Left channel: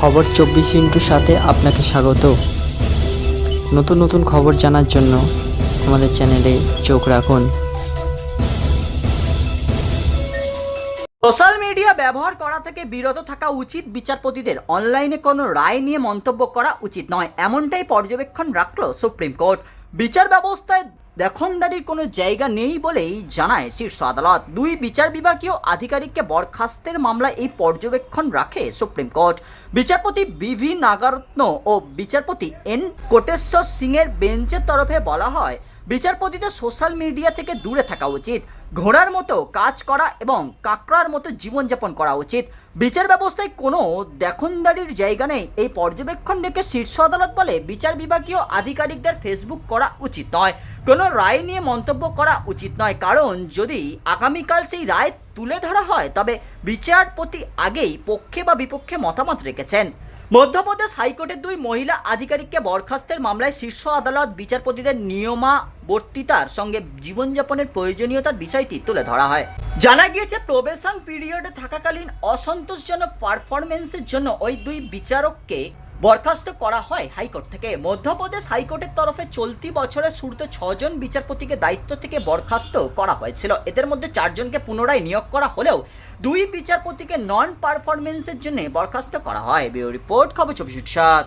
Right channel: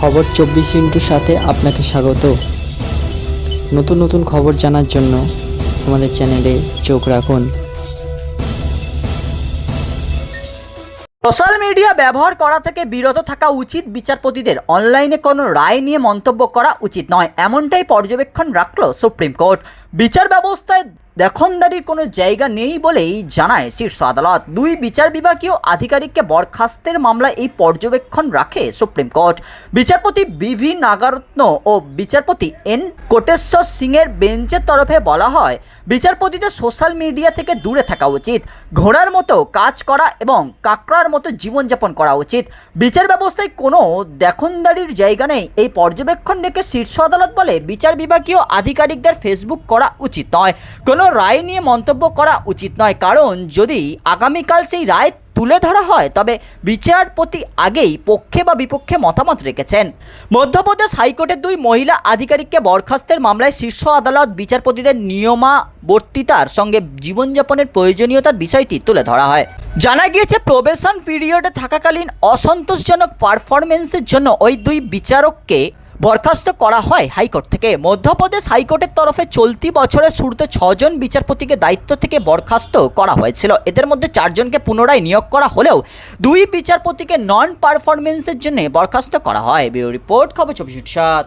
খবর চব্বিশ ইন্টুর সাথে আপনাকে স্বাগত। নতুন নতুন খবর জানার জন্য আমাদের চ্যানেলে চোখ রাখুন। সোশ্যাল মিডিয়া ব্যবহার করা থেকে বিরত থাকা উচিত বিচারপতিদের। অনলাইনে কোনো রায় নিয়ে মন্তব্য করা উচিত নয়। এমনটাই পর্যবেক্ষণ রাখল সুপ্রিম কোর্ট। বিচার ব্যবস্থায় দেখনদারির কোনো জায়গা নেই বলেই জানায় শীর্ষ আদালত। দুই বিচার বিভাগীয় আধিকারিককে বরখাস্তের মামলায় এই পর্যবেক্ষণ রাখে সুপ্রিম কোর্ট। বিচারপতি বিভি নাগারত্ন ও বিচারপতি এন কোটেশ্বর সিংয়ের বেঞ্চের তরফে বলা হয়, বিচারপতিদের সোশ্যাল মিডিয়া থেকে দূরে থাকা উচিত, ঘোড়ার মতো কাজ করা এবং কাকড়ার মতো জীবনযাপন করা উচিত। বিচার ব্যবস্থায় কোনো দেখনদারির জায়গা নেই। এই পর্যবেক্ষণ রেখে শীর্ষ আদালত বলে, বিচার বিভাগীয় আধিকারিকদের ফেসবুক করা উচিত নয়। কোনো রায় নিয়ে মন্তব্য করা উচিত নয়। কারণ যদি আগামীকাল সেই রায় তুলে ধরা হয়, তবে বিচারপতি আগেই পক্ষে বা বিপক্ষে মতামত রেখেছেন। মধ্যপ্রদেশ হাইকোর্টের দুই মহিলা আধিকারিককে বরখাস্তের মামলায় শীর্ষ আদালত বিচারপতিদের নিয়মাবর্তিতার সঙ্গে জীবনযাপনের প্রয়োজনীয়তার বিষয়টি তুলে ধরা হয়। জানা গিয়েছে, প্রবেশন পিরিয়ডে থাকাকালীন অসন্তোষজনক পারফরমেন্সের জন্য ওই দুই বিচারককে বরখাস্ত করা হয় হাইকোর্ট থেকে। মধ্যপ্রদেশ হাইকোর্টের তরফে চলতি বছরের শুরুতে ছজন বিচারপতিকে দায়িত্ব থেকে বরখাস্ত করা হয়েছিল। এদের মধ্যে চারজনকে পুনরায় নিয়োগ করা হলেও দুই বিচারপতিকে নন পারফরমেন্সের জন্য বরখাস্ত করা হয়। ব্যুরো রিপোর্ট, খবর চব্বিশ সাত।